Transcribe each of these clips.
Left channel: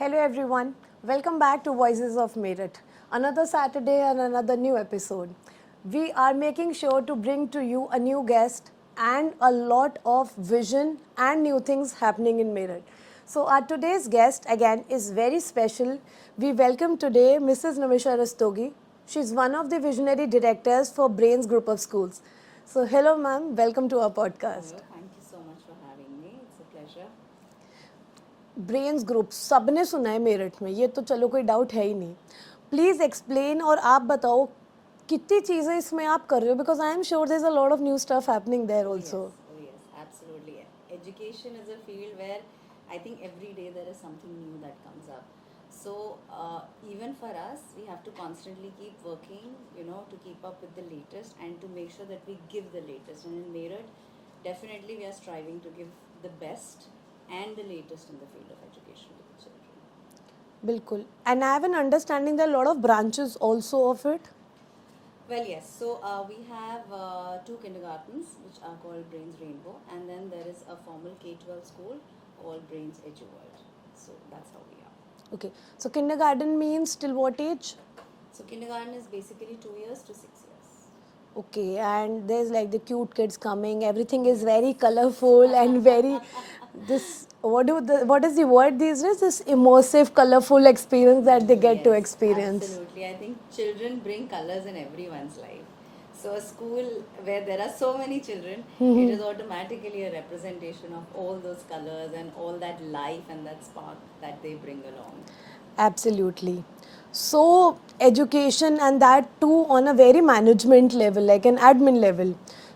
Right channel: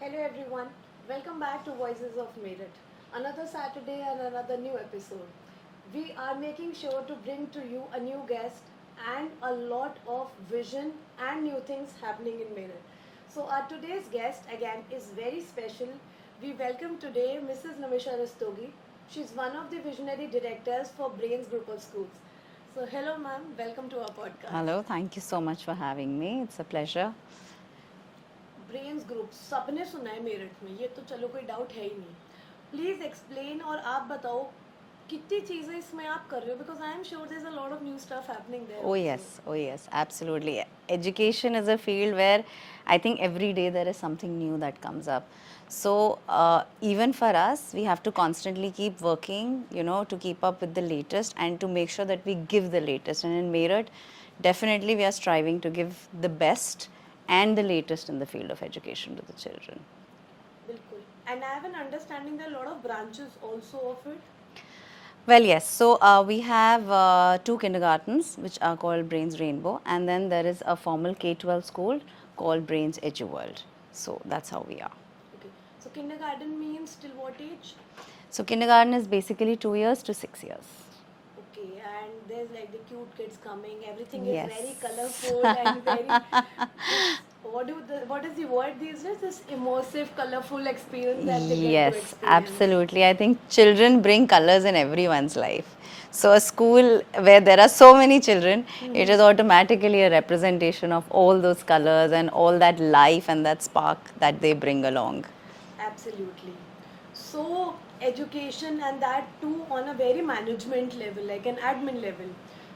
Hello everyone, welcome back to Voices of Merit. Another Saturday and another new episode. We are making sure to bring to you a new guest and a lot of vision and new things happening in Merit. So our today's guest again is very special. We welcome today Mrs. Namisha Rastogi. She's one of the visionary directors for Brains Group of Schools. So hello ma'am, welcome to our podcast. Hello, thank you so much for having me. It's a pleasure. Brains group सबने सुना है मेरठ में, ये तो चलो कोई doubt है ही नहीं. प्लीज़ एक्सप्लेन और आप बताओ कितनी चीज़ें इसमें आप कर रहे हो, because I am sure there is a lot of new stuff happening there also. Oh yes, absolutely. Education is a field where I think every day there is something new that comes up. So even for us, we have to constantly keep working, to keep up with the latest and to make sure that we give the latest. And in Meerut, definitely we are striving to give the best and the latest in the field of education to the children. बिल्कुल. And I have an understanding their lot of branches also of it. Well, yes. So we have two kindergartens which are called Brains Rainbow, and then there is a formal K-12 school called Brains EduWorld. So that's how we are. Okay, so kindergarten means till what age? So kindergarten is basically 2 years to 6 years. Okay, and there's like the cute kids coming. Everything is Yes. very colorful and very this. What is the word these days? This immersive, colorful experience that they get to Yes, experience. absolutely. I think children bring colors in everyone's life. So a school where there are so many children, it is automatically a representation of all those colors and all that life and that spark that they bring along. Absolutely. So, education and that too on a very management level, like an admin level.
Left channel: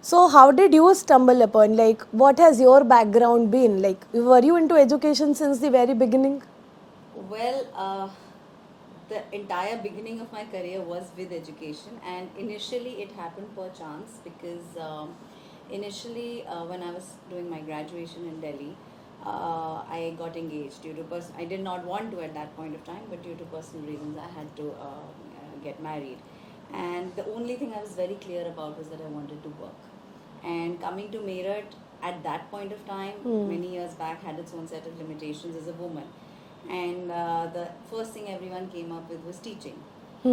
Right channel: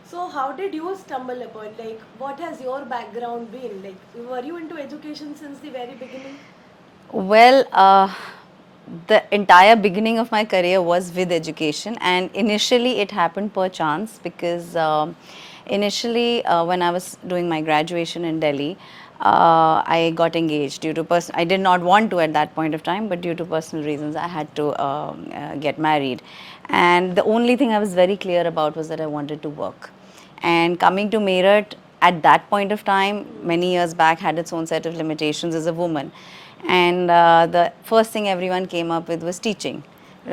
So, how did you stumble upon? Like, what has your background been? Like, were you into education since the very beginning? Well, the entire beginning of my career was with education, and initially it happened per chance because initially when I was doing my graduation in Delhi, I got engaged due to I did not want to at that point of time, but due to personal reasons, I had to get married. And the only thing I was very clear about was that I wanted to work. And coming to Meerut at that point of time, many years back, had its own set of limitations as a woman. And the first thing everyone came up with was teaching,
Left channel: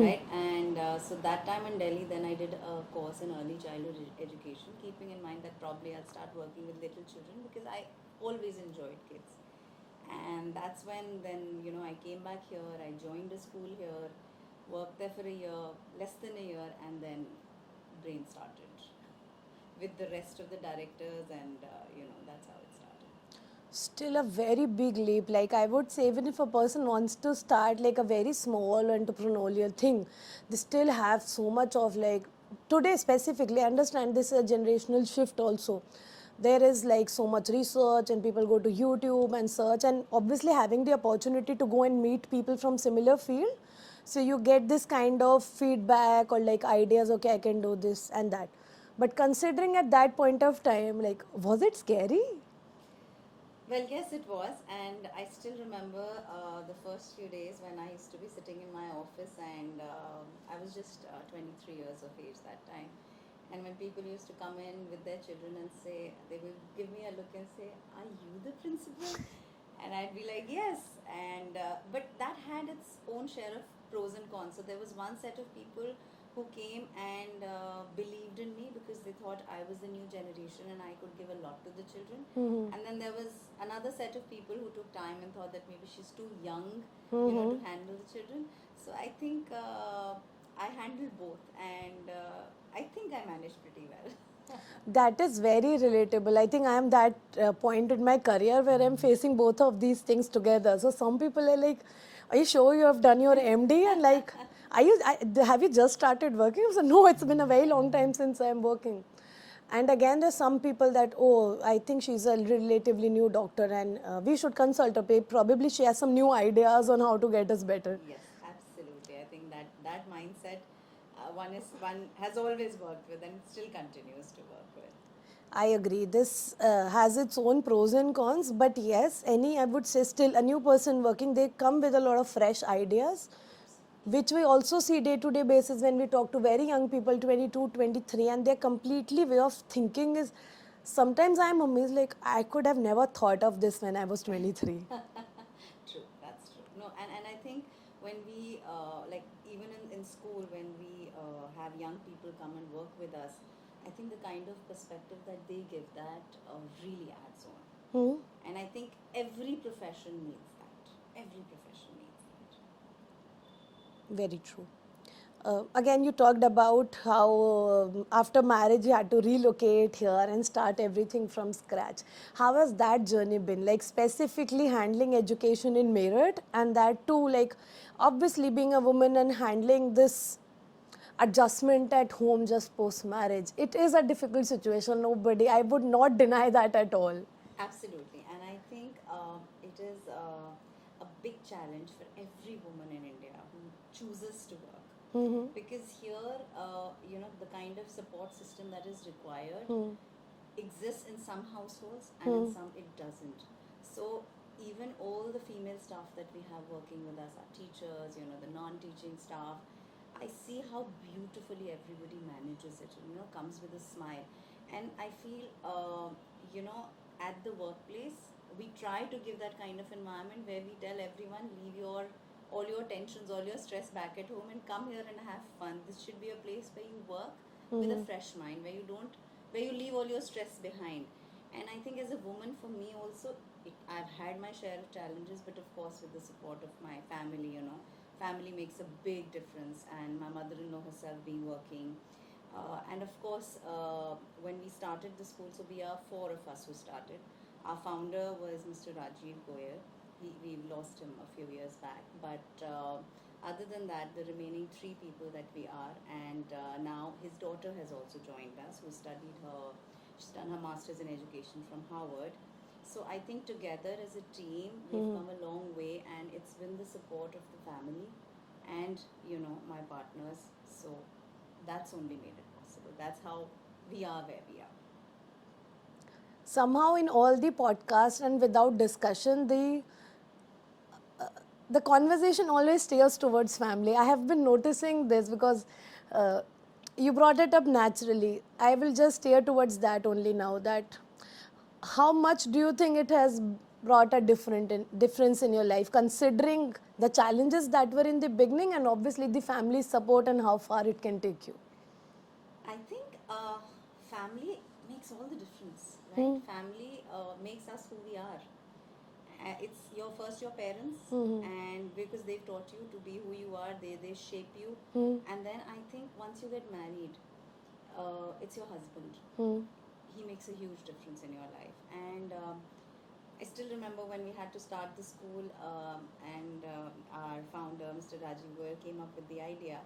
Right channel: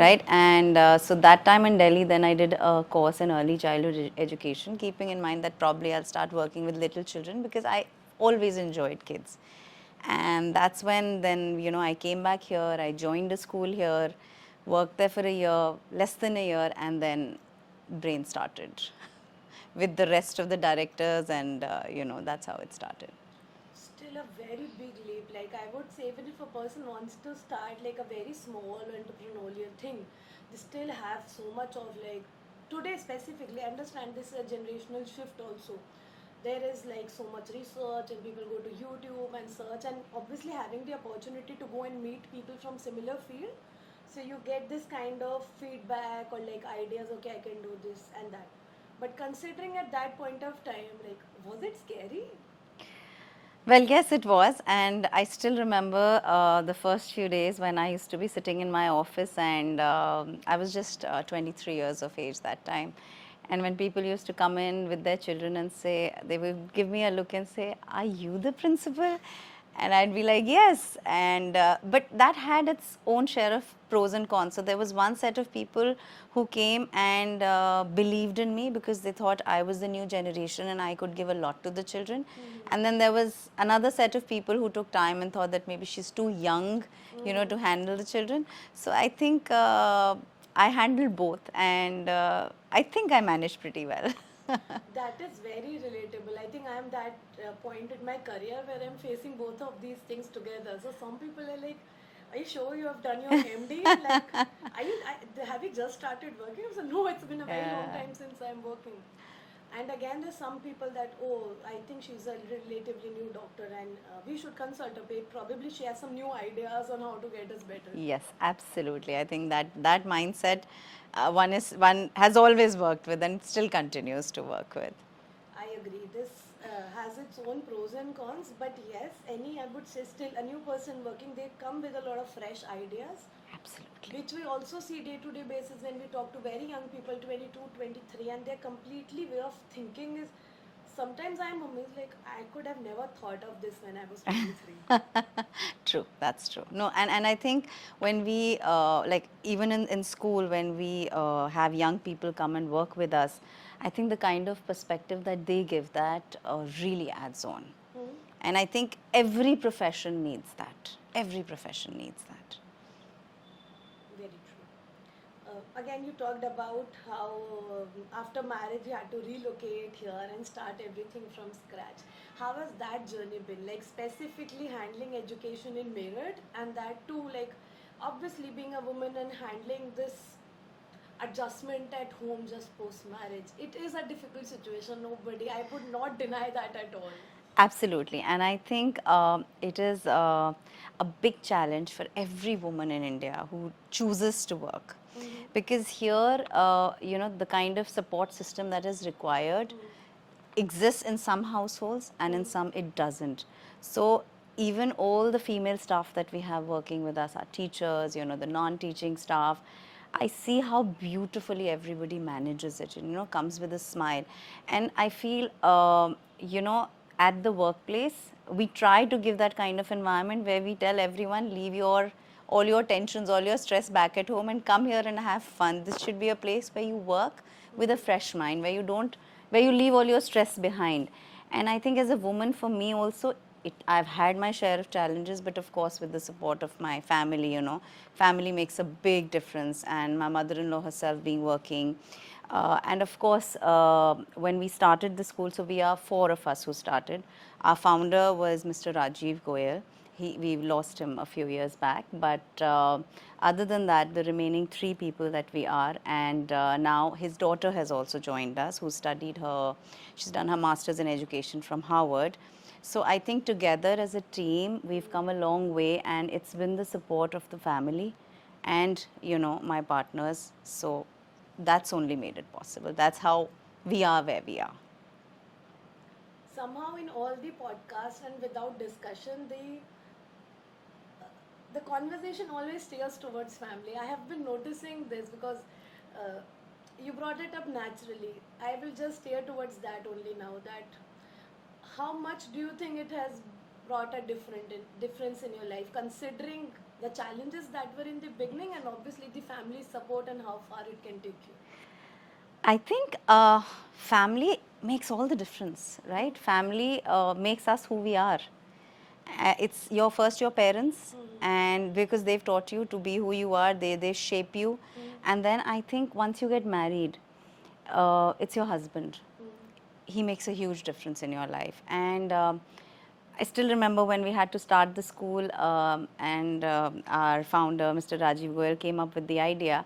right? And so that time in Delhi, then I did a course in early childhood education, keeping in mind that probably I'll start working with little children because I always enjoyed kids. And that's when then, I came back here, I joined a school here, worked there for a year, less than a year, and then Brain started with the rest of the directors, and that's how it started. Still a very big leap. Like, I would say, even if a person wants to start like a very small entrepreneurial thing, they still have so much of like, today specifically, I understand this is a generational shift also. There is like so much research and people go to YouTube and search, and obviously having the opportunity to go and meet people from similar field, so you get this kind of feedback or like ideas, okay, I can do this and that. But considering at that point of time, like, was it scary? Well, yes, it was. And I still remember the first few days when I used to be sitting in my office, and I was just 23 years of age that time. And when people used to come in with their children and say, they would give me a look and say, "Are you the principal?" And I'd be like, "Yes." And but that had its own share of pros and cons. So there was one set of people who came and believed in me because they thought I was the new generation and I could give a lot to the children. And then there was another set of people who took time and thought that maybe she's too young, to handle the children. So I think I handled both, and I think I managed pretty well. That is very relatable. I think I am that point in my career where I'm facing both of these things together. So some people are like, "Are you sure you have done your MD?" And like, have you just started working?" I said, "No, it's been a very long time since I'm working." And again, there's some people that, "Oh, I think she's a relatively new doctor and we should consult her. Probably she has some new ideas on how to get us better." Yes, absolutely. I think that mindset one has always worked with and still continues to work with. I agree. This has its own pros and cons, but yes, I would say still a new person working, they come with a lot of fresh ideas, Absolutely. which we also see day to day basis when we talk to very young people, 22, 23, and their completely way of thinking is sometimes I'm amazed, like, I could have never thought of this when I was 23. True, that's true. No, and I think when we, like, even in school, when we have young people come and work with us, I think the kind of perspective that they give, that really adds on. And I think every profession needs that. Every profession needs that. Very true. Again, you talked about how after marriage you had to relocate here and start everything from scratch. How has that journey been? Like, specifically handling education in Meerut, and that too, like, obviously being a woman and handling this adjustment at home just post marriage. It is a difficult situation. Nobody, I would not deny that at all. Absolutely, and I think it is a big challenge for every woman in India who chooses to work, because here, the kind of support system that is required exists in some households and in some it doesn't. So even all the female staff that we have working with us, our teachers, the non-teaching staff, I see how beautifully everybody manages it, comes with a smile. And I feel, at the workplace, we try to give that kind of environment where we tell everyone, leave all your tensions, all your stress back at home and come here and have fun. This should be a place where you work with a fresh mind, where you leave all your stress behind. And I think as a woman, for me also, I've had my share of challenges, but of course with the support of my family, family makes a big difference, and my mother-in-law herself being working. And of course, when we started the school, so we are 4 of us who started. Our founder was Mr. Rajiv Goyal. We lost him a few years back, but other than that, the remaining 3 people that we are, and now his daughter has also joined us, who she's done her master's in education from Harvard. So I think together as a team, we've come a long way, and it's been the support of the family and, my partners. So that's only made it possible. That's how we are where we are. Somehow in all the podcasts and without discussion, the conversation always steers towards family. I have been noticing this because you brought it up naturally. I will just steer towards that only now. That how much do you think it has brought a difference in your life, considering the challenges that were in the beginning and obviously the family support and how far it can take you? I think family makes all the difference, right? Family makes us who we are. It's your parents, and because they've taught you to be who you are, they shape you. And then I think once you get married, it's your husband. He makes a huge difference in your life. And I still remember when we had to start the school, and our founder, Mr. Rajiv Goyal, came up with the idea.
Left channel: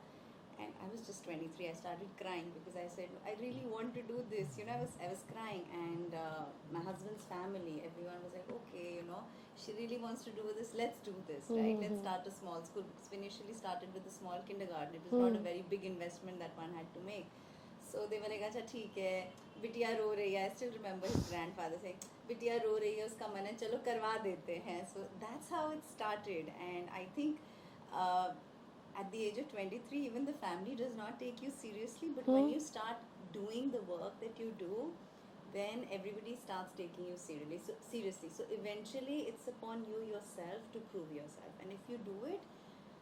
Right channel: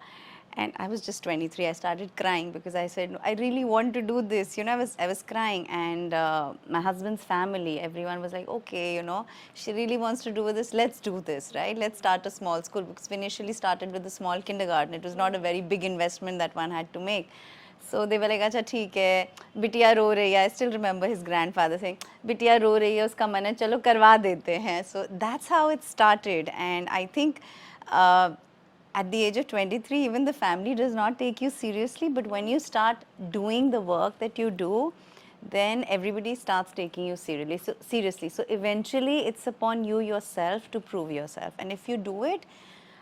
And I was just 23. I started crying because I said, no, I really want to do this. I was crying, and my husband's family, everyone was like, okay, she really wants to do this. Let's do this, right? Let's start a small school, because we initially started with a small kindergarten. It was not a very big investment that one had to make. So they were like, acha theek hai, bitiya ro rahi hai. I still remember his grandfather saying, bitiya ro rahi hai, uska man hai, chalo karwa dete hain. So that's how it started. And I think at the age of 23, even the family does not take you seriously. But when you start doing the work that you do, then everybody starts taking you seriously. So eventually, it's upon you yourself to prove yourself. And if you do it,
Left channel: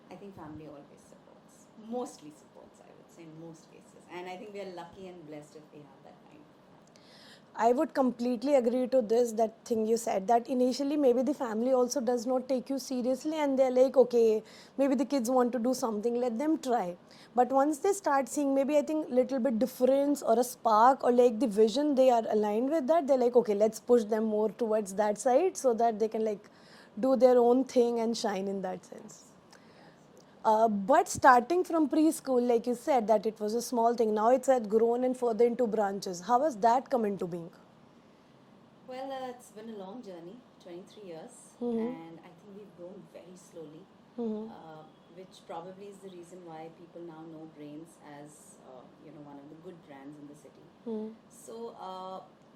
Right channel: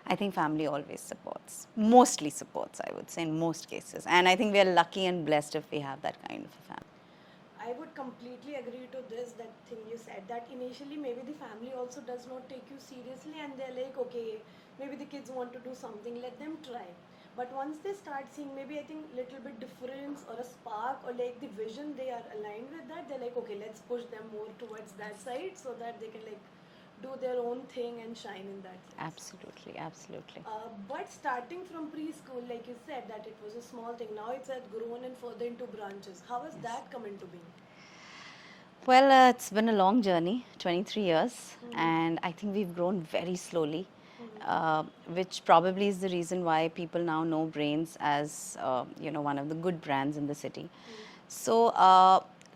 I think family always supports. Mostly supports, I would say, in most cases. And I think we are lucky and blessed if we have that kind of a family. I would completely agree to this, that thing you said, that initially maybe the family also does not take you seriously, and they're like, okay, maybe the kids want to do something, let them try. But once they start seeing maybe, I think, little bit difference or a spark or like the vision, they are aligned with that, they're like, okay, let's push them more towards that side so that they can like do their own thing and shine in that sense. Absolutely. But starting from preschool, like you said, that it was a small thing. Now it's had grown and further into branches. How has that come into being? Well, it's been a long journey, 23 years, and I think we've grown very slowly, which probably is the reason why people now know Brains as, one of the good brands in the city. So,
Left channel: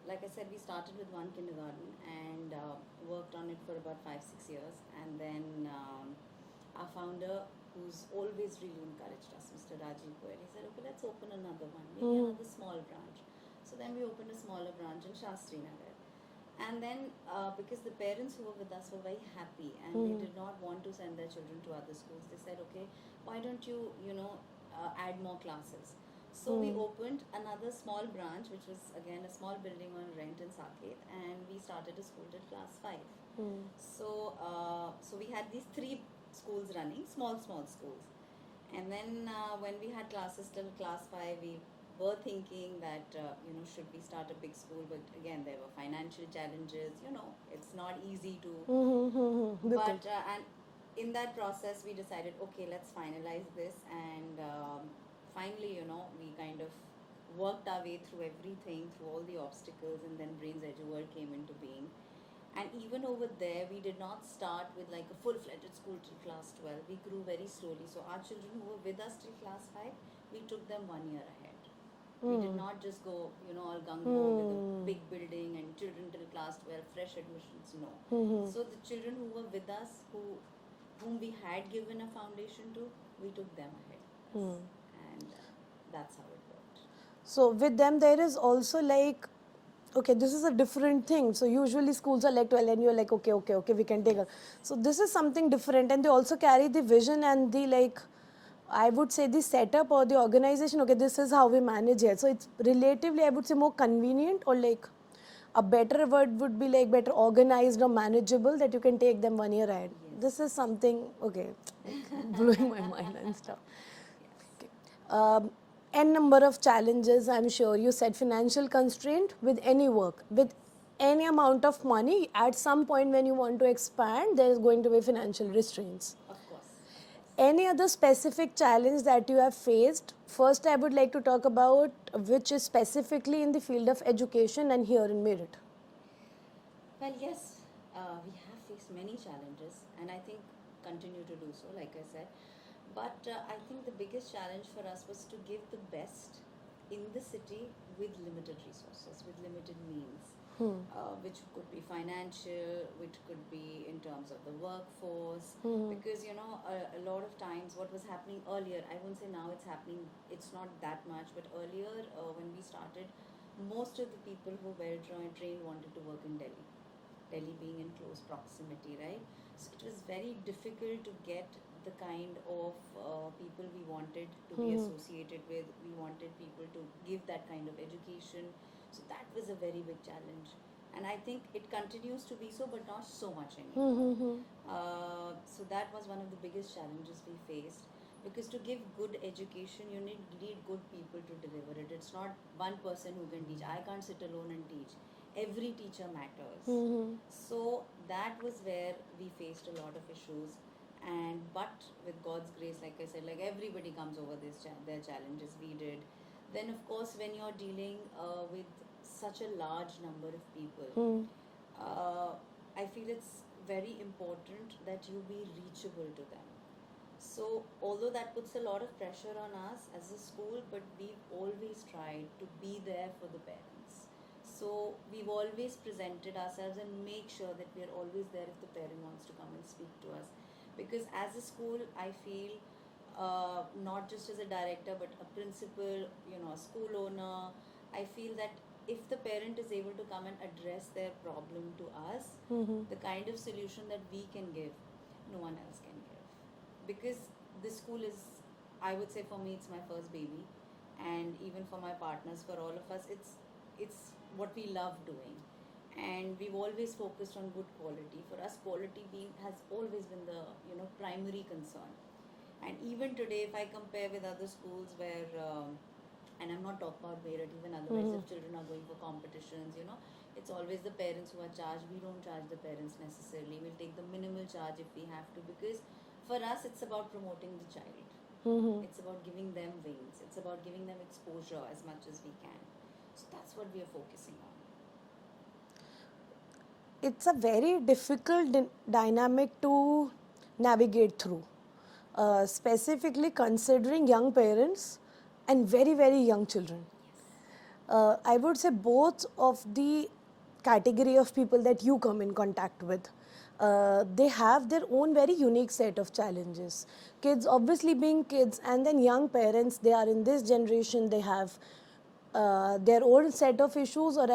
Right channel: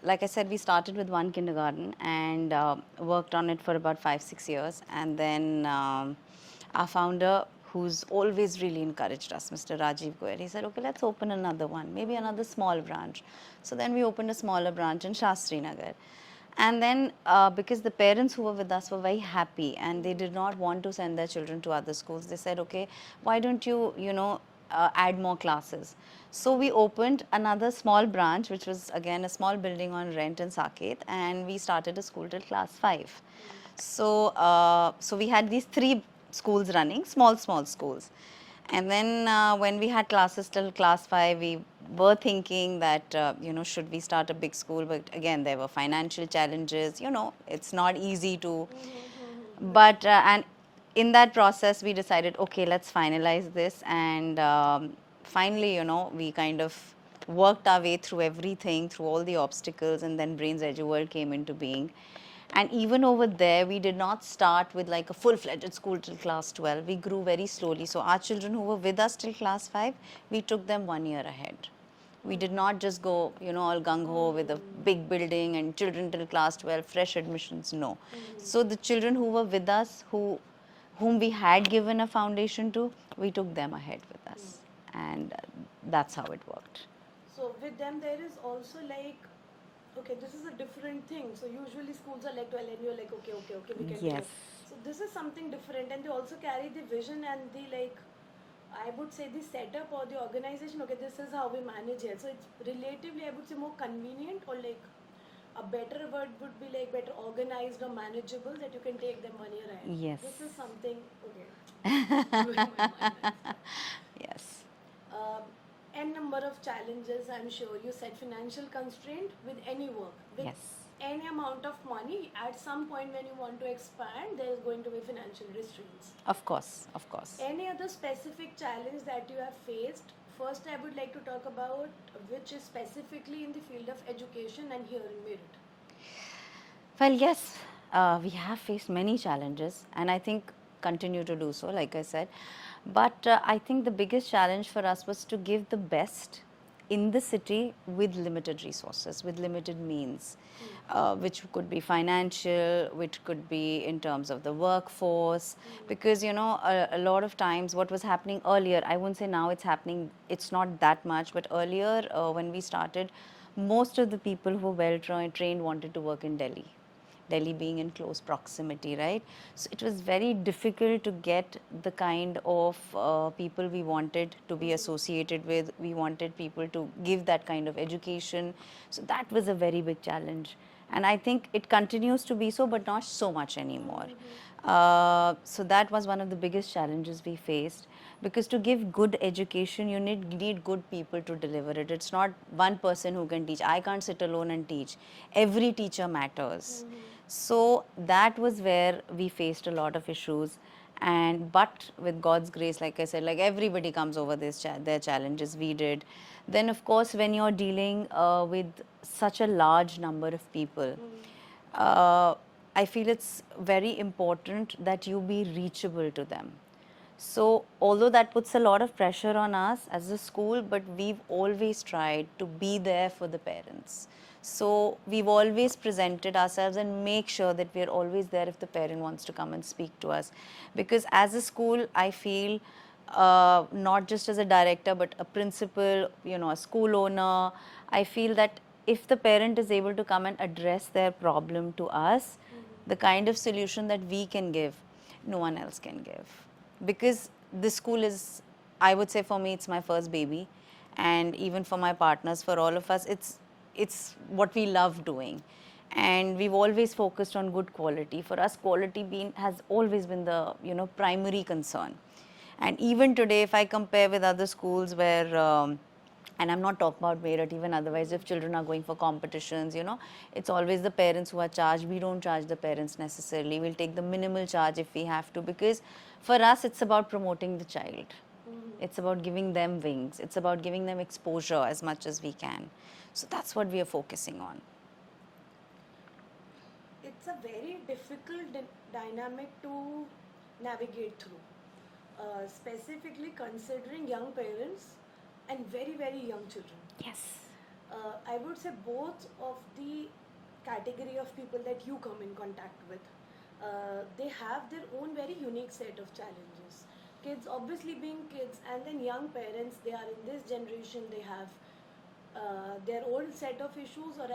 like I said, we started with one kindergarten and worked on it for about 5-6 years, and then our founder, who's always really encouraged us, Mr. Rajiv Goyal. He said, okay, let's open another one, maybe another small branch. So then we opened a smaller branch in Shastri Nagar. And then because the parents who were with us were very happy and they did not want to send their children to other schools, they said, okay, why don't you, add more classes? So we opened another small branch, which was again a small building on rent in Saket, and we started a school till class 5. So we had these 3 schools running, small schools. And then when we had classes till class 5, we were thinking that, should we start a big school? But again, there were financial challenges, it's not easy to. But, and in that process, we decided, okay, let's finalize this. And finally, we kind of worked our way through everything, through all the obstacles, and then Brains EduWorld came into being. And even over there, we did not start with like a full-fledged school till class 12. We grew very slowly. So our children who were with us till class 5, we took them 1 year ahead. We did not just go, all gung-ho with a big building and children till class 12, fresh admissions, no. So the children who were with us, whom we had given a foundation to, we took them ahead with us. And that's how it worked. So with them, there is also like, okay, this is a different thing. So usually schools are like 12 and you're like, okay, we can take Yes. it. So this is something different, and they also carry the vision and the like, I would say the setup or the organization, okay, this is how we manage it. So it's relatively, I would say, more convenient, or like a better word would be like better organized or manageable, that you can take them 1 year ahead. Yes. This is something, okay, blowing my mind and stuff. Yes. N number of challenges, I'm sure. You said financial constraint with any work, with Yes. any amount of money. At some point when you want to expand, there is going to be financial restraints. Of course, of course. Any other specific challenge that you have faced? First, I would like to talk about which is specifically in the field of education and here in Meerut. Well, yes, we have faced many challenges, and I think continue to do so, like I said. But I think the biggest challenge for us was to give the best in the city with limited resources, with limited means, which could be financial, which could be in terms of the workforce. Because, a lot of times what was happening earlier, I won't say now it's happening, it's not that much, but earlier when we started, most of the people who were well trained wanted to work in Delhi. Delhi being in close proximity, right? So it was very difficult to get the kind of people we wanted to be associated with. We wanted people to give that kind of education. So that was a very big challenge. And I think it continues to be so, but not so much anymore. So that was one of the biggest challenges we faced. Because to give good education, you need good people to deliver it. It's not one person who can teach. I can't sit alone and teach. Every teacher matters. So that was where we faced a lot of issues. But with God's grace, like I said, like everybody comes over their challenges. We did. Then of course, when you're dealing with such a large number of people, I feel it's very important that you be reachable to them. So although that puts a lot of pressure on us as a school, but we've always tried to be there for the parents. So we've always presented ourselves and make sure that we're always there if the parent wants to come and speak to us. Because as a school, I feel not just as a director, but a principal, a school owner, I feel that if the parent is able to come and address their problem to us, the kind of solution that we can give, no one else can give. Because this school is, I would say for me, it's my first baby, and even for my partners, for all of us, it's what we love doing, and we've always focused on good quality. For us, quality has always been the primary concern. And even today, if I compare with other schools where and I'm not talking about Meerut, even otherwise, if children are going for competitions, it's always the parents who are charged. We don't charge the parents necessarily. We'll take the minimal charge if we have to, because for us, it's about promoting the child. It's about giving them wings. It's about giving them exposure as much as we can. So that's what we are focusing on. It's a very difficult dynamic to navigate through, specifically considering young parents and very, very young children. Yes. I would say both of the category of people that you come in contact with, they have their own very unique set of challenges. Kids, obviously being kids, and then young parents, they are in this generation, they have their own set of issues, or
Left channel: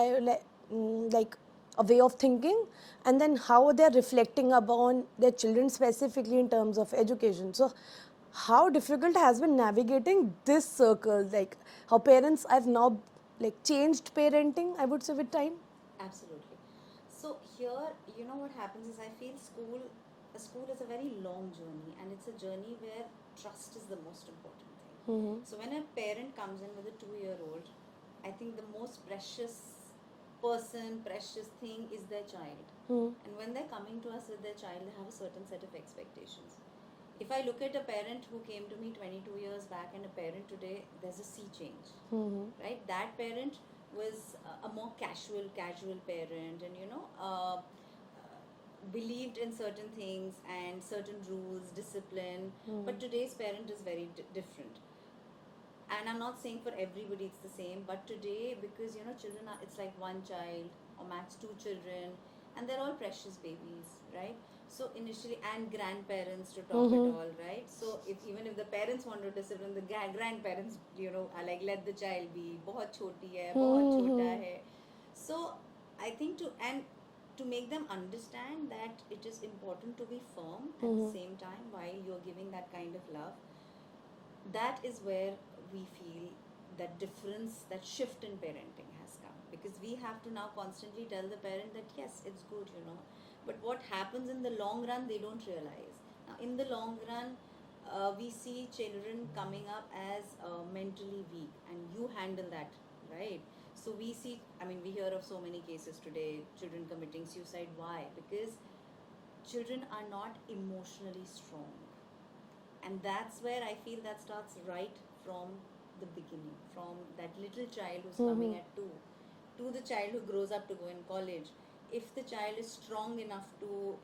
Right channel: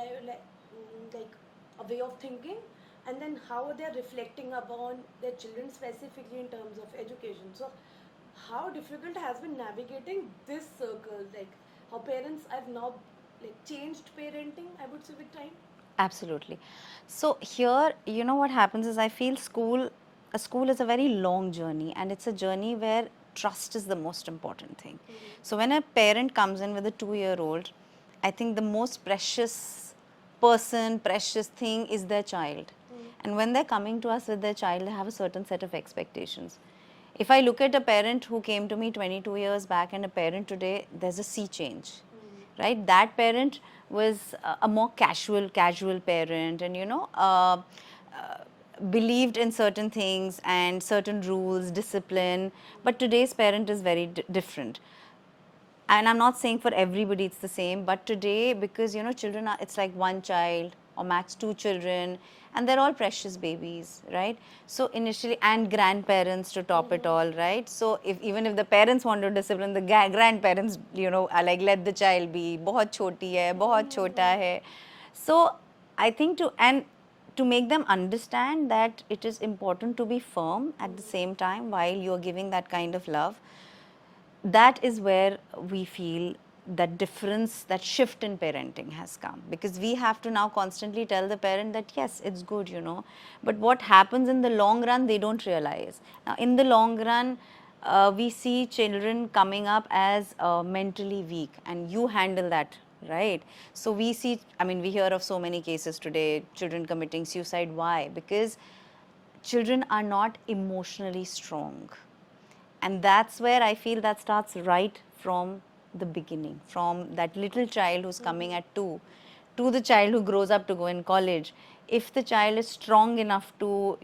like a way of thinking, and then how they're reflecting upon their children specifically in terms of education. So how difficult has been navigating this circle, like how parents have now like changed parenting, I would say, with time. Absolutely. So here, you know what happens is I feel a school is a very long journey, and it's a journey where trust is the most important thing. So when a parent comes in with a 2-year-old, I think the most precious person, precious thing is their child. And when they're coming to us with their child, they have a certain set of expectations. If I look at a parent who came to me 22 years back and a parent today, there's a sea change, right? That parent was a more casual parent, and believed in certain things and certain rules, discipline. But today's parent is very different. And I'm not saying for everybody it's the same, but today, because children are, it's like one child or max 2 children, and they're all precious babies, right? So initially, and grandparents to top it all, right? So even if the parents want to discipline, the grandparents, are like, let the child be, बहुत छोटी है, बहुत छोटा है. So I think to make them understand that it is important to be firm at the same time while you're giving that kind of love, that is where we feel that difference, that shift in parenting has come, because we have to now constantly tell the parent that yes, it's good, but what happens in the long run, they don't realize. Now in the long run, we see children coming up as mentally weak, and you handle that, right? So we see, we hear of so many cases today, children committing suicide. Why? Because children are not emotionally strong. And that's where I feel that starts right from the beginning, from that little child who's coming at 2 to the child who grows up to go in college. If the child is strong enough to,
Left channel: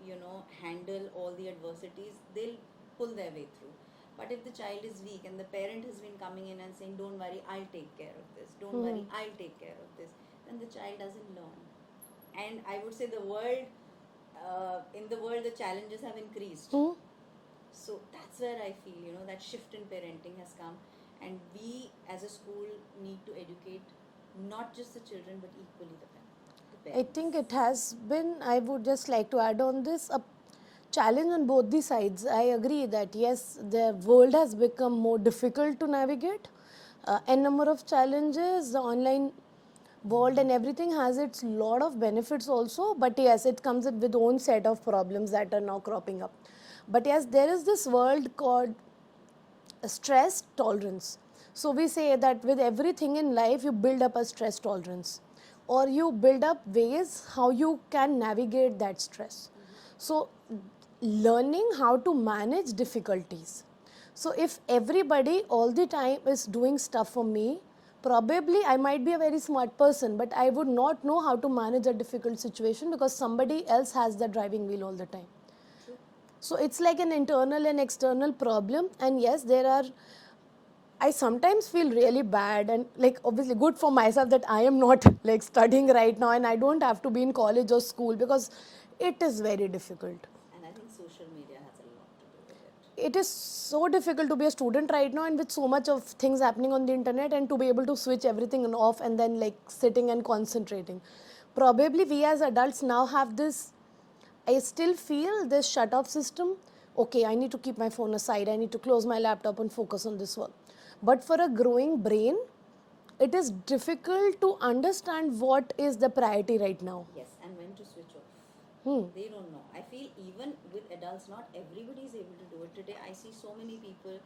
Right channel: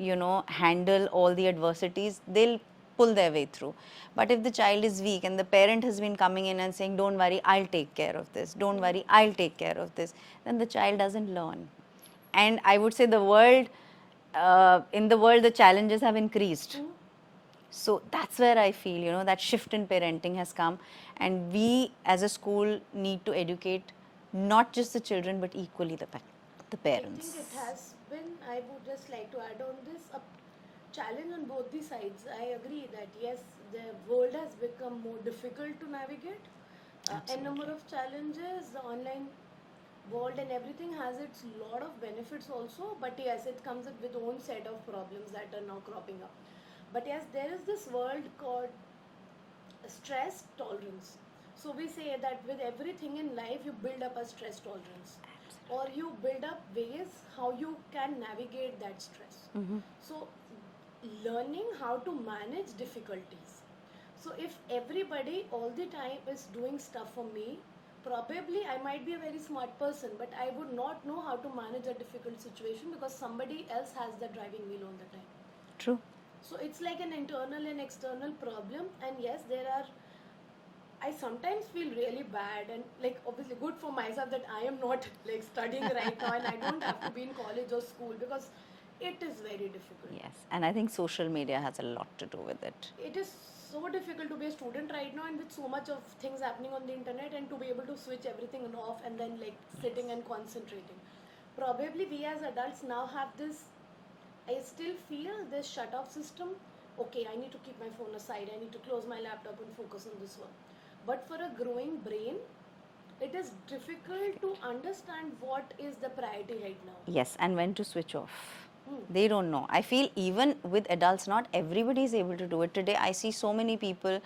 handle all the adversities, they'll pull their way through. But if the child is weak and the parent has been coming in and saying, don't worry, I'll take care of this, don't worry, I'll take care of this, then the child doesn't learn. And I would say in the world, the challenges have increased. So that's where I feel, that shift in parenting has come, and we as a school need to educate not just the children but equally the parents. I think it has been, I would just like to add on this, a challenge on both the sides. I agree that yes, the world has become more difficult to navigate. N number of challenges, the online world and everything has its lot of benefits also, but yes, it comes with own set of problems that are now cropping up. But yes, there is this world called stress tolerance. So we say that with everything in life, you build up a stress tolerance, or you build up ways how you can navigate that stress. So learning how to manage difficulties. So if everybody all the time is doing stuff for me, probably I might be a very smart person, but I would not know how to manage a difficult situation because somebody else has the driving wheel all the time. True. So it's like an internal and external problem. And yes, I sometimes feel really bad and like obviously good for myself that I am not like studying right now and I don't have to be in college or school because it is very difficult. Yes, and I think social media has a lot to do with it. It is so difficult to be a student right now and with so much of things happening on the internet and to be able to switch everything off and then like sitting and concentrating. Probably we as adults now have this, I still feel this shut off system. Okay, I need to keep my phone aside. I need to close my laptop and focus on this work. But for a growing brain, it is difficult to understand what is the priority right now. Yes, and when to switch off. They don't know. I feel even with adults, not everybody is able to do it. Today, I see so many people,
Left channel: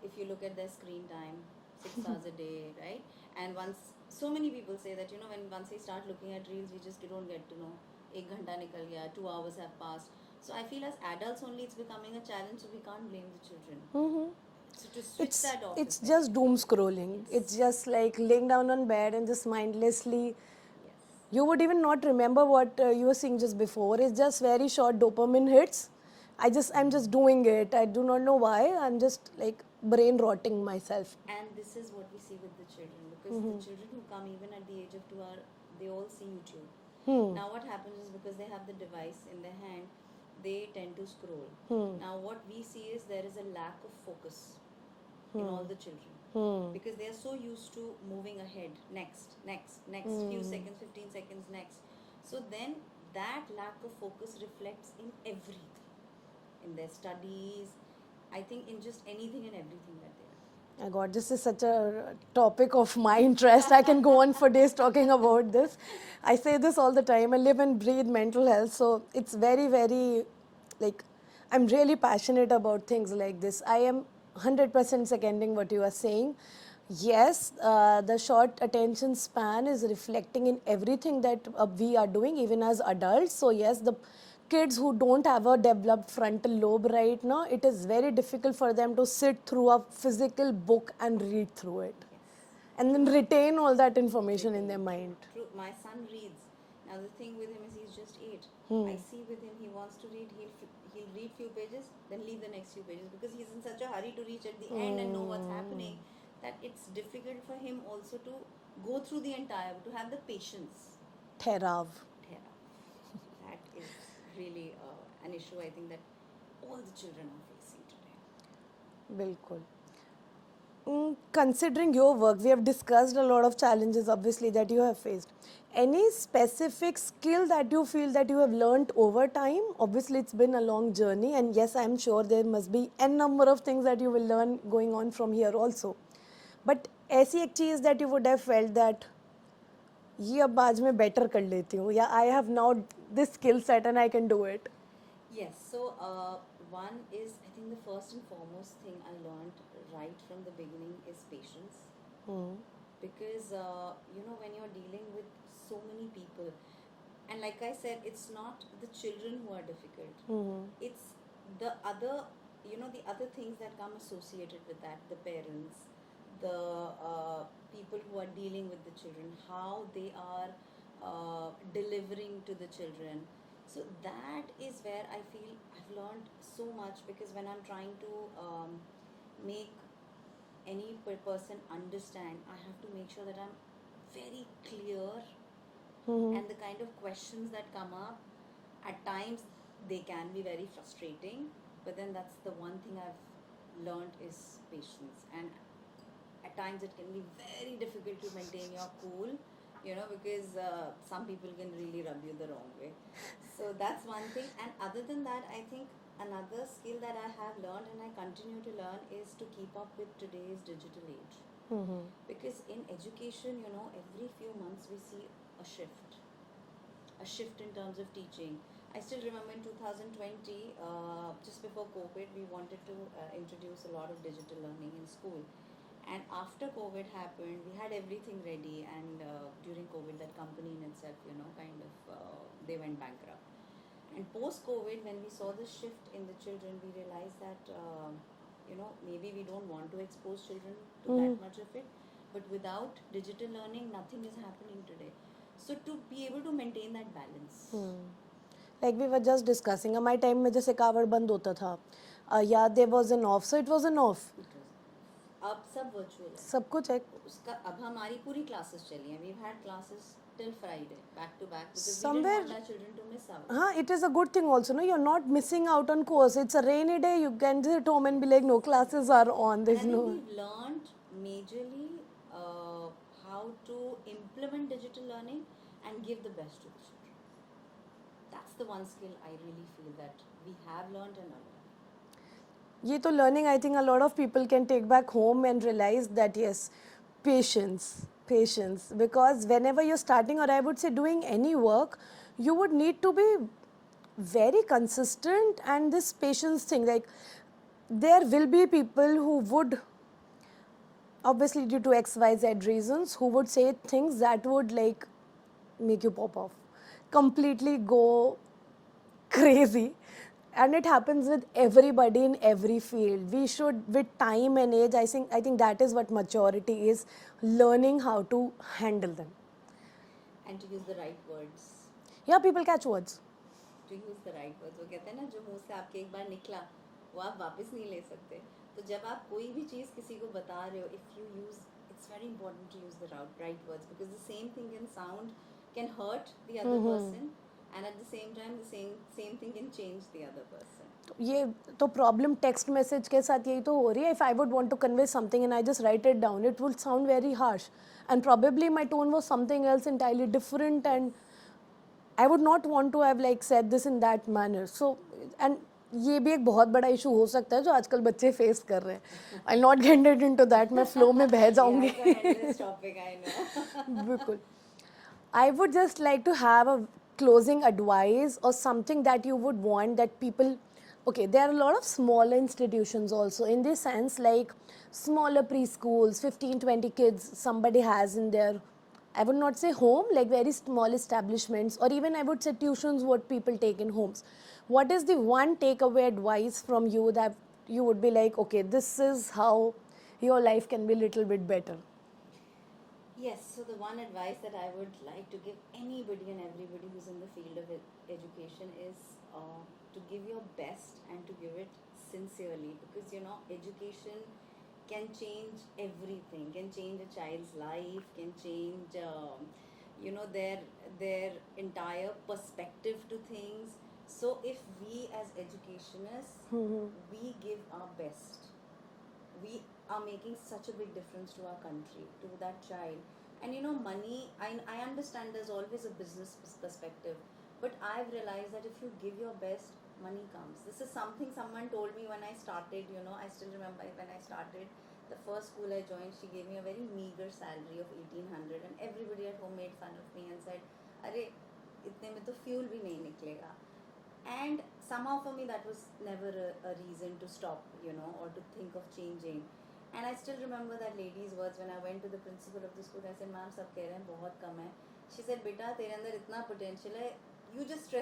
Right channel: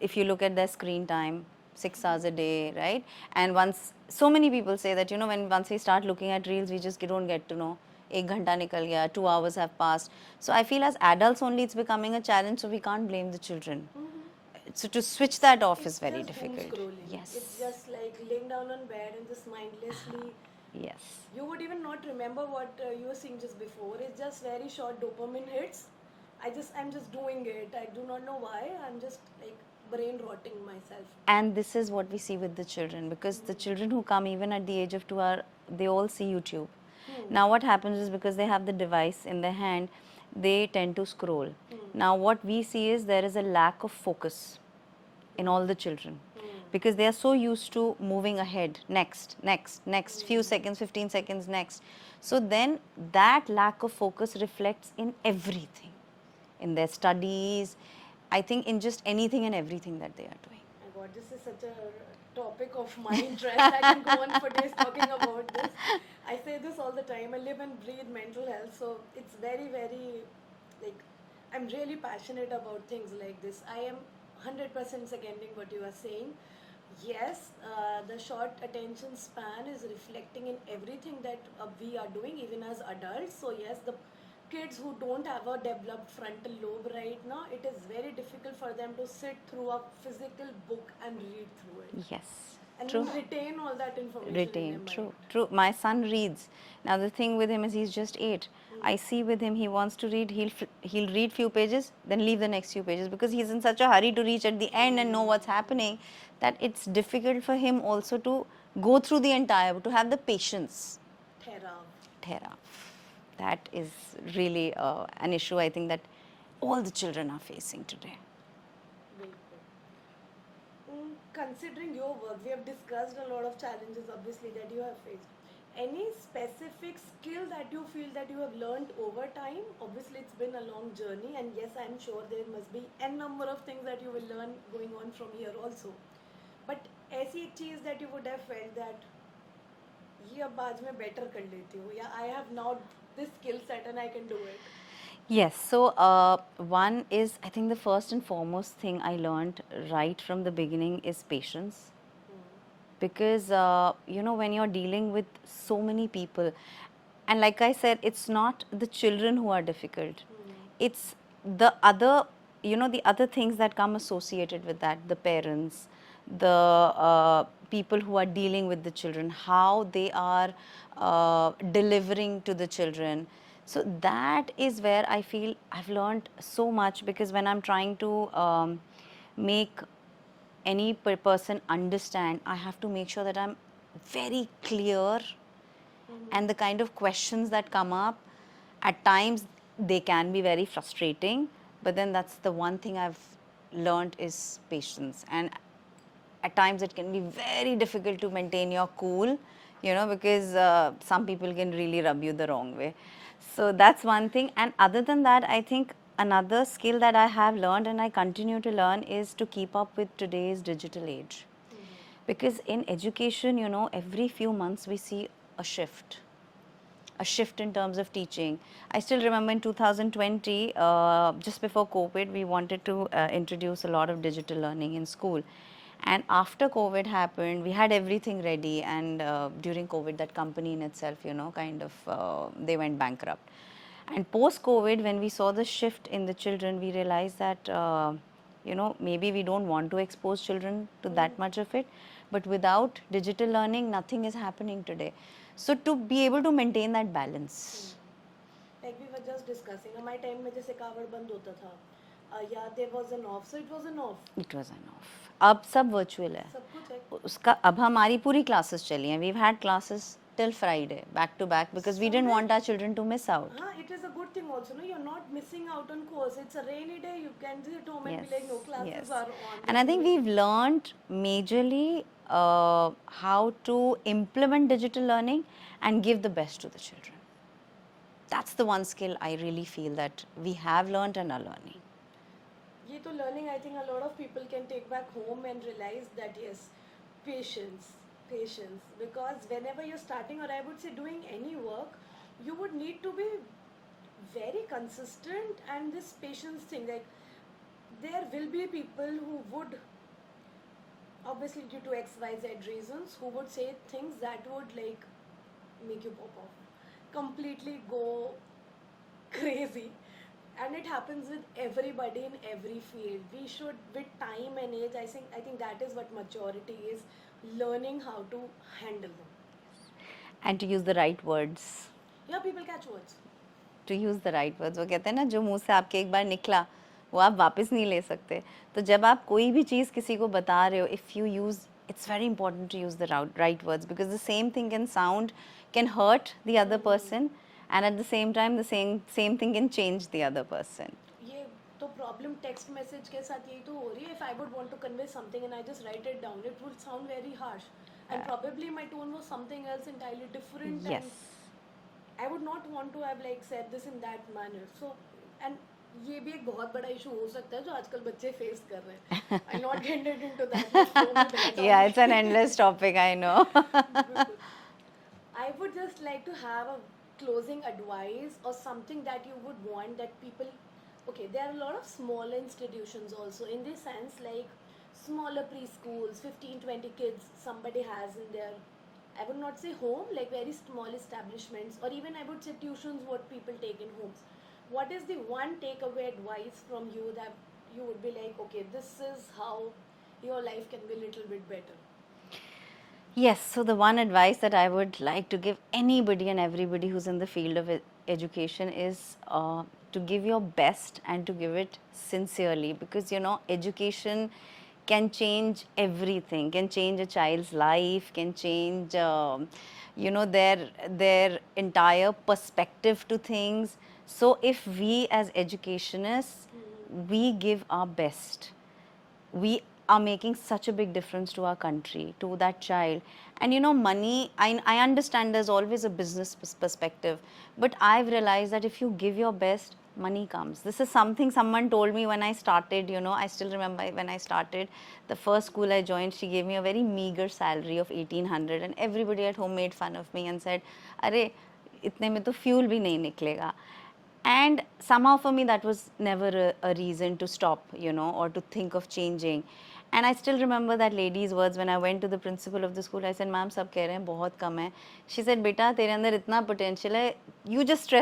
if you look at their screen time, 6 hours a day, right? And so many people say that, once we start looking at reels, we just don't get to know. 1 ghanta nikal gaya, 2 hours have passed. So I feel as adults only it's becoming a challenge, so we can't blame the children. So to switch that off is very difficult. It's just doom scrolling. Yes. It's just like laying down on bed and just mindlessly. Yes. You would even not remember what you were seeing just before. It's just very short dopamine hits. I'm just doing it. I do not know why. I'm just like brain rotting myself. And this is what we see with the children, because the children who come even at the age of 2 they all see YouTube. Now what happens is, because they have the device in their hand, they tend to scroll. Now what we see is there is a lack of focus in all the children, because they are so used to moving ahead, next, next, next, few seconds, 15 seconds, next. So then that lack of focus reflects in everything, in their studies, I think in just anything and everything that they are doing. My God, this is such a topic of my interest. I can go on for days talking about this. I say this all the time. I live and breathe mental health, so it's very, very, like, I'm really passionate about things like this. I am 100% seconding what you are saying. Yes, the short attention span is reflecting in everything that we are doing, even as adults. So yes, the kids who don't have a developed frontal lobe right now, it is very difficult for them to sit through a physical book and read through it. Yes. And then retain all that information in their Retain. mind. True. My son reads. Now the thing with him is he's just 8. I see with him, he wants to read. He'll read few pages, then leave the next few pages, because he's in such a hurry to reach at the end and know what's happening, that it's difficult for him also to go through the entire, to have the patience. Therav. Thera. That is really an issue, I think, that all the children are facing today. Bilkul. Considering your work, we have discussed a lot of challenges, obviously, that you have faced. Any specific skill that you feel that you have learned over time? Obviously, it's been a long journey, and yes, I'm sure there must be n number of things that you will learn going on from here also. But ऐसी एक चीज़ that you would have felt that ये अब आज मैं better कर लेती हूँ, या I have now this skill set and I can do it. Yes, so one is, I think the first and foremost thing I learned right from the beginning is patience. Because, when you're dealing with so many people, and like I said, it's not the children who are difficult. It's the other, the other things that come associated with that, the parents, the people who are dealing with the children, how they are delivering to the children. So that is where I feel I've learned so much, because when I'm trying to make any person understand, I have to make sure that I'm very clear, and the kind of questions that come up, at times they can be very frustrating, but then that's the one thing I've learned is patience. And at times it can be very difficult to maintain your cool, because some people can really rub you the wrong way. So that's one thing. And other than that, I think another skill that I have learned and I continue to learn is to keep up with today's digital age. Because in education, every few months we see a shift in terms of teaching. I still remember in 2020, just before COVID, we wanted to introduce a lot of digital learning in school. And after COVID happened, we had everything ready, and during COVID, that company in itself, they went bankrupt. And post-COVID, when we saw the shift in the children, we realized that, maybe we don't want to expose children to that much of it, but without digital learning, nothing is happening today. So to be able to maintain that balance. Like we were just discussing, my time में जैसे कावड़ बंद होता था, yeah, there was an off, so it was an off. It was an off. अब सब virtual है. सब कुछ है. उसका अब हमारी पूरी classes चली हैं. We've had classes till Friday, back to back, because we didn't want our children to miss out. It is a good thing also, no? You're not missing out on course. It's a rainy day, you can sit at home and be like, no, classes are on. And I think we've learned majorly how to implement digital learning and give the best to the children. That's the one skill I really feel that we have learned and are learning. ये तो learning, I think a lot of people can take back home and realize that yes, patience. Because whenever you're starting, or I would say doing any work, you would need to be very consistent, and this patience thing, like there will be people who would, obviously due to XYZ reasons, who would say things that would like make you pop off, completely go crazy. And it happens with everybody in every field. We should, with time and age, I think that is what maturity is, learning how to handle them. And to use the right words. Yeah, people catch words. To use the right words. वो कहते हैं ना, जो मुंह से आपके एक बार निकला, वो आप वापस नहीं ले सकते. तो जब आप कोई भी चीज़ किसी को बता रहे हो, if you use, it's very important to use the right words, because the same thing can sound, can hurt the other person, and at the same time, the same thing can change the other person. ये तो problem text message के साथ यही तो हो रही है. If I would want to convey something and I just write it down, it would sound very harsh and probably my tone was something else entirely different. Yes. And I would not want to have like said this in that manner. So and ये भी एक बहुत बड़ा issue हो सकता है जो आजकल बच्चे फेस कर रहे हैं. आई नॉट गेट इनटू दैट, मैं फ्लो में बह जाऊंगी. Yeah, it's an endless topic, I know. बिल्कुल. I would just like to have a closing advice or something that you would want that people. Okay, there are a lot of smaller institutions also in this sense, like smaller preschools, 15-20 kids somebody has in their, I would not say home, like very small establishments, or even I would say tuitions what people take in homes. What is the one takeaway advice from you that you would be like, okay, this is how your life can be a little bit better? Yes, so the one advice that I would like to give anybody and everybody who's in the field of education is to give your best and to give it sincerely, because you know education can change everything, can change a child's life, can change you know their entire perspective to things. So if we as educationists we give our best, we are making such a big difference to our country, to that child. And you know, money, I understand there's always a business perspective, but I've realized that if you give your best, money comes. This is something someone told me when I started, you know, I still remember when I started, the first school I joined, she gave me a very meager salary of 1800, and everybody at home made fun of me and said, "Arey, itne mein to fuel bhi nahi niklega." And somehow for me that was never a reason to stop, you know, or to think of changing. And I still remember that lady's words when I went to the principal of the school. I said, "Ma'am, सब कह रहे हैं बहुत कम है." She said, "बेटा तेरे अंदर इतना potential है, you just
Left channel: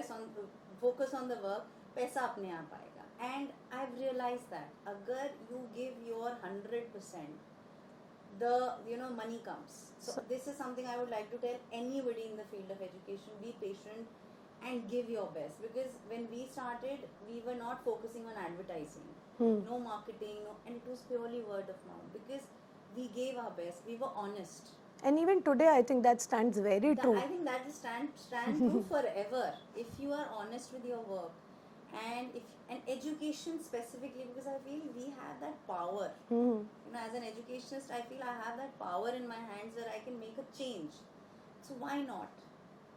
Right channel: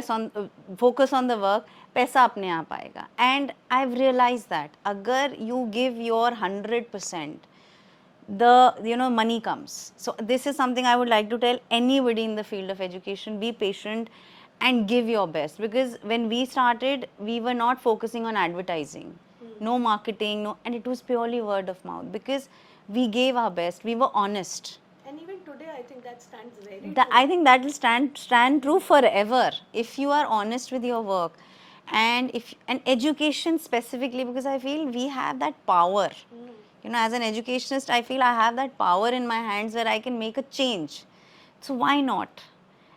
focus on the work, पैसा अपने आप आएगा." And I've realized that अगर you give your 100%, the money comes. So this is something I would like to tell anybody in the field of education: be patient and give your best, because when we started we were not focusing on advertising, no marketing, no, and it was purely word of mouth, because we gave our best, we were honest. And even today, I think that stands very That, true. I think that will stand true forever if you are honest with your work. And education specifically, because I feel we have that power. You know, as an educationist, I feel I have that power in my hands where I can make a change. So why not?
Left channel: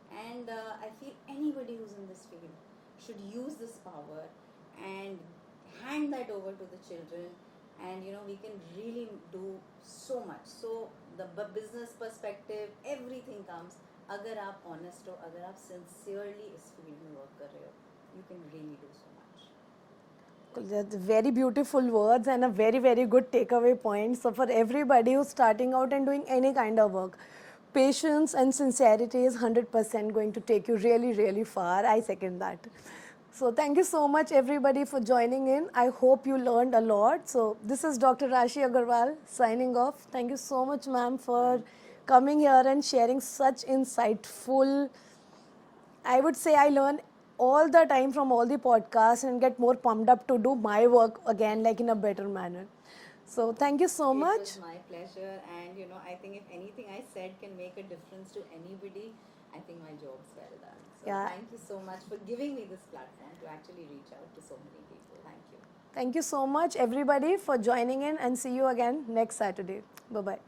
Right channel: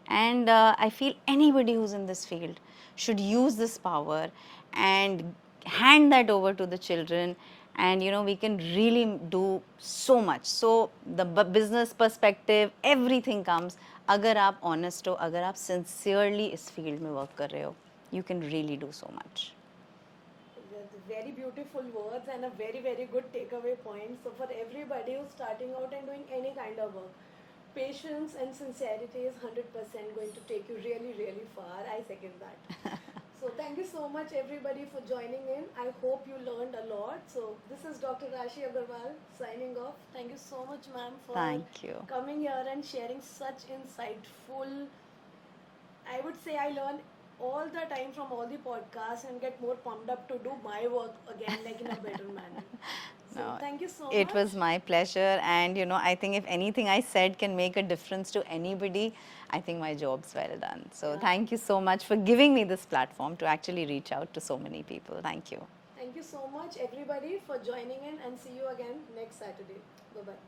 And I feel anybody who's in this field should use this power and hand that over to the children, and you know we can really do so much. So the business perspective, everything comes अगर आप honest हो, अगर आप sincerely इस field में work कर रहे हो, you can really do so much. That's very beautiful words and a very, very good takeaway point. So for everybody who's starting out and doing any kind of work, patience and sincerity is 100% going to take you really, really far. I second that. So thank you so much everybody for joining in. I hope you learned a lot. So this is Dr. Rashi Agarwal signing off. Thank you so much, ma'am, for Thank you. coming here and sharing such insightful. I would say I learn all the time from all the podcasts and get more pumped up to do my work again, like in a better manner. So thank you so much. It was my pleasure, and you know, I think if anything I said can make a difference to anybody, I think my job's well done. So Yeah. thank you so much for giving me this platform to actually reach out to so many people. Thank you. Thank you so much everybody for joining in, and see you again next Saturday. Bye-bye.